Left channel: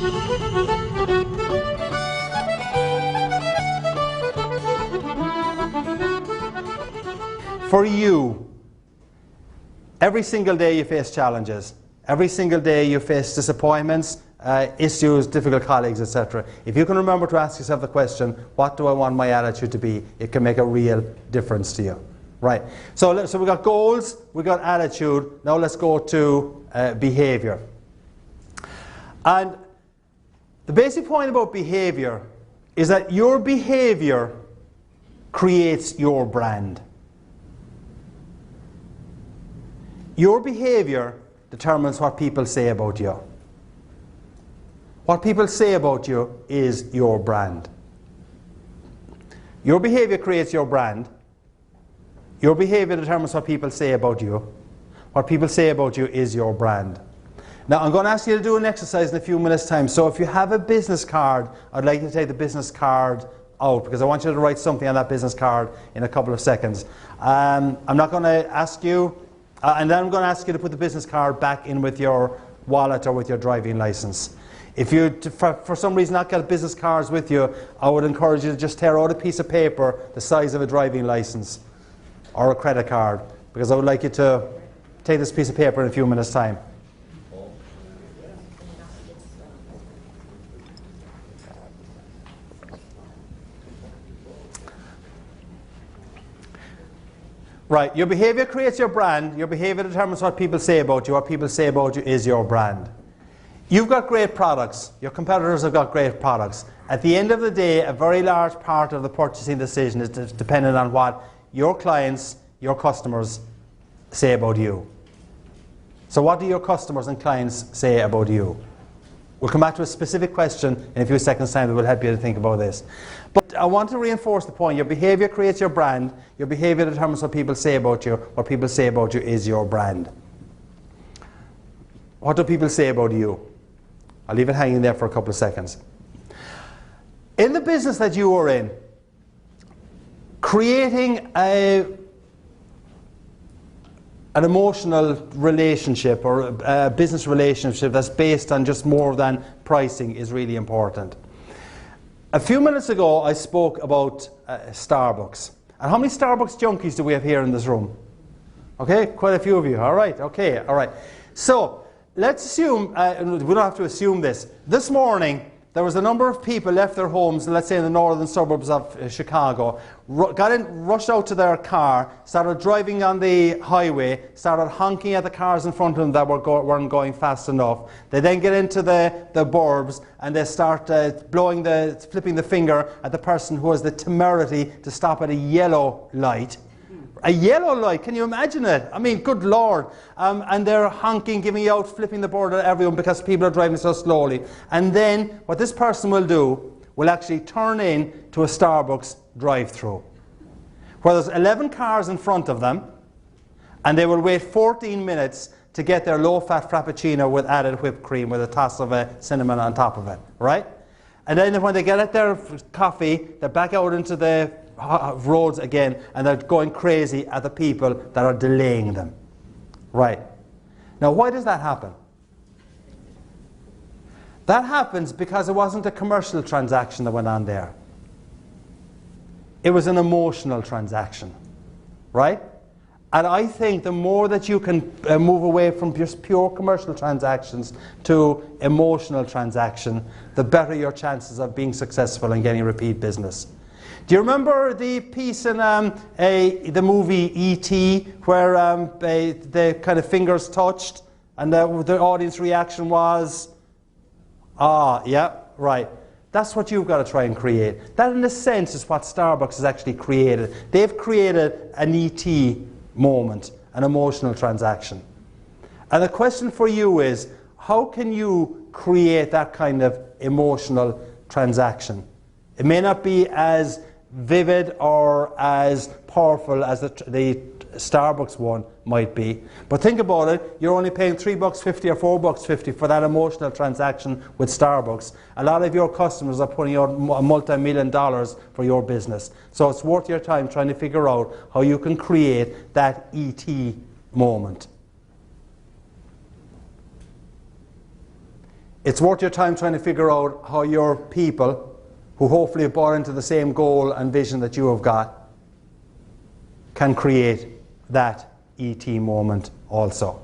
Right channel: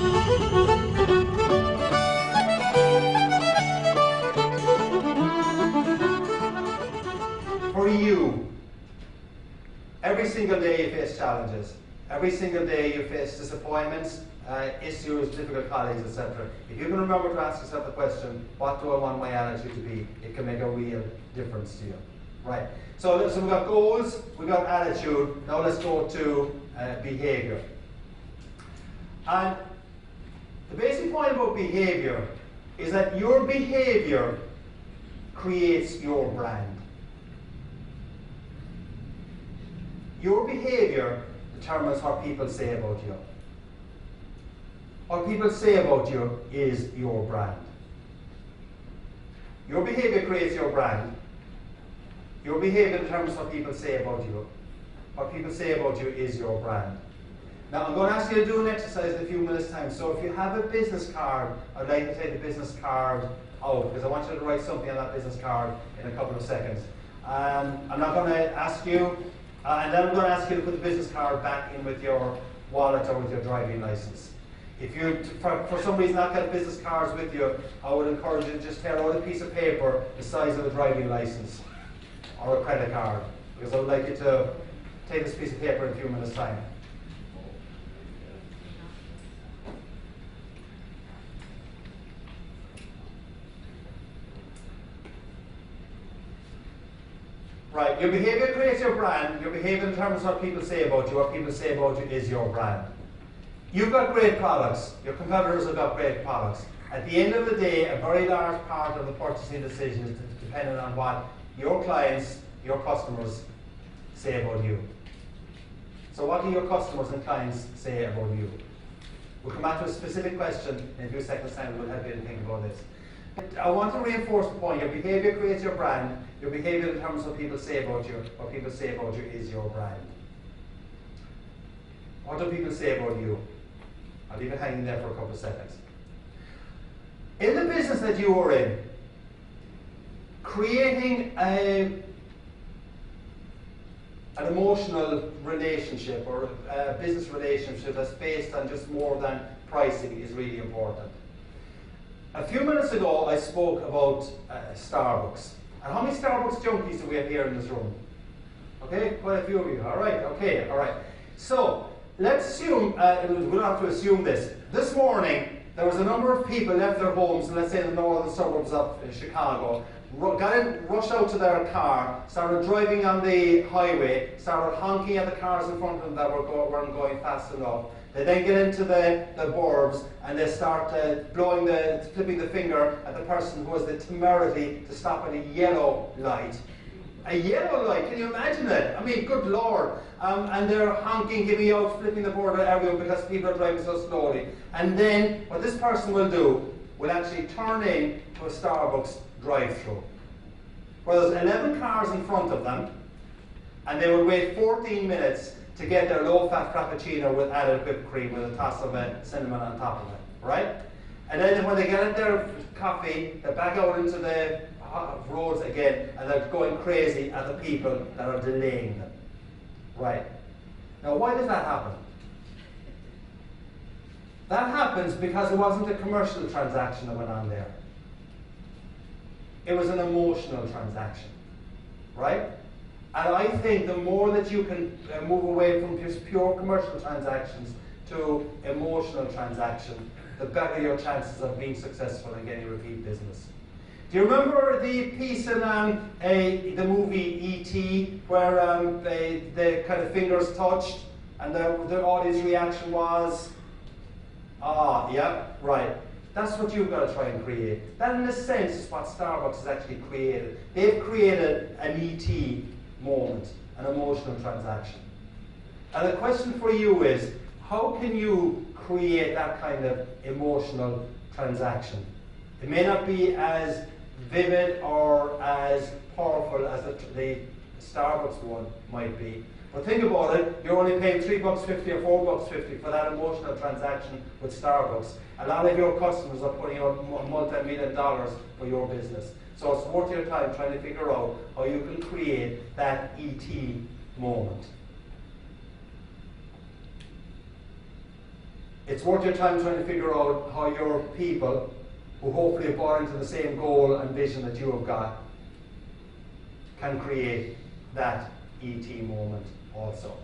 For you, every single day you face challenges. Every single day you face disappointments, issues, difficult colleagues, etc. If you can remember to ask yourself the question, what do I want my attitude to be? It can make a real difference to you. Right. So we've got goals, we've got attitude. Now let's go to behavior. And the basic point about behavior is that your behavior creates your brand. Your behavior determines what people say about you. What people say about you is your brand. Your behavior creates your brand. Your behavior determines what people say about you. What people say about you is your brand. Now I'm going to ask you to do an exercise in a few minutes' time. So if you have a business card, I'd like you to take the business card out because I want you to write something on that business card in a couple of seconds. I'm not going to ask you, and then I'm going to ask you to put the business card back in with your wallet or with your driving license. If you, for some reason, not get business cards with you, I would encourage you to just tear out a piece of paper the size of a driving license or a credit card, because I would like you to take this piece of paper in a few minutes' time. Right, your behavior creates your brand. Your behavior determines what people say about you. What people say about you is your brand. You've got great products. Your competitors have got great products. At the end of the day, a very large part of the purchasing decision is dependent on what your clients, your customers say about you. So what do your customers and clients say about you? We'll come back to a specific question in a few seconds' time that will help you to think about this. But I want to reinforce the point. Your behavior creates your brand. Your behavior determines what people say about you. What people say about you is your brand. What do people say about you? I'll leave it hanging there for a couple of seconds. In the business that you are in, creating an emotional relationship or a business relationship that's based on just more than pricing is really important. A few minutes ago I spoke about Starbucks. And how many Starbucks junkies do we have here in this room? Okay, quite a few of you. All right, okay, all right. So let's assume, we don't have to assume this. This morning there was a number of people left their homes, let's say in the northern suburbs of Chicago, rushed out to their car, started driving on the highway, started honking at the cars in front of them that weren't going fast enough. They then get into the burbs and they start flipping the finger at the person who has the temerity to stop at a yellow light. A yellow light, can you imagine it? I mean, good Lord. And they're honking, giving out, flipping the board at everyone because people are driving so slowly. And then what this person will do will actually turn in to a Starbucks drive-through where there's 11 cars in front of them, and they will wait 14 minutes to get their low-fat frappuccino with added whipped cream with a toss of cinnamon on top of it, right? And then when they get at their coffee, they're back out into the roads again, and they're going crazy at the people that are delaying them, right? Now, why does that happen? That happens because it wasn't a commercial transaction that went on there. It was an emotional transaction, right? And I think the more that you can move away from just pure commercial transactions to emotional transaction, the better your chances of being successful and getting repeat business. Do you remember the piece in the movie E.T. where the kind of fingers touched and the audience reaction was, ah, yeah, right. That's what you've got to try and create. That, in a sense, is what Starbucks has actually created. They've created an E.T. moment, an emotional transaction. And the question for you is, how can you create that kind of emotional transaction? It may not be as vivid or as powerful as the Starbucks one might be, but think about it, you're only paying $3.50 or $4.50 for that emotional transaction with Starbucks. A lot of your customers are putting out multi-million dollars for your business. So it's worth your time trying to figure out how you can create that E.T. moment. It's worth your time trying to figure out how your people, who hopefully have bought into the same goal and vision that you have got, can create that ET moment also.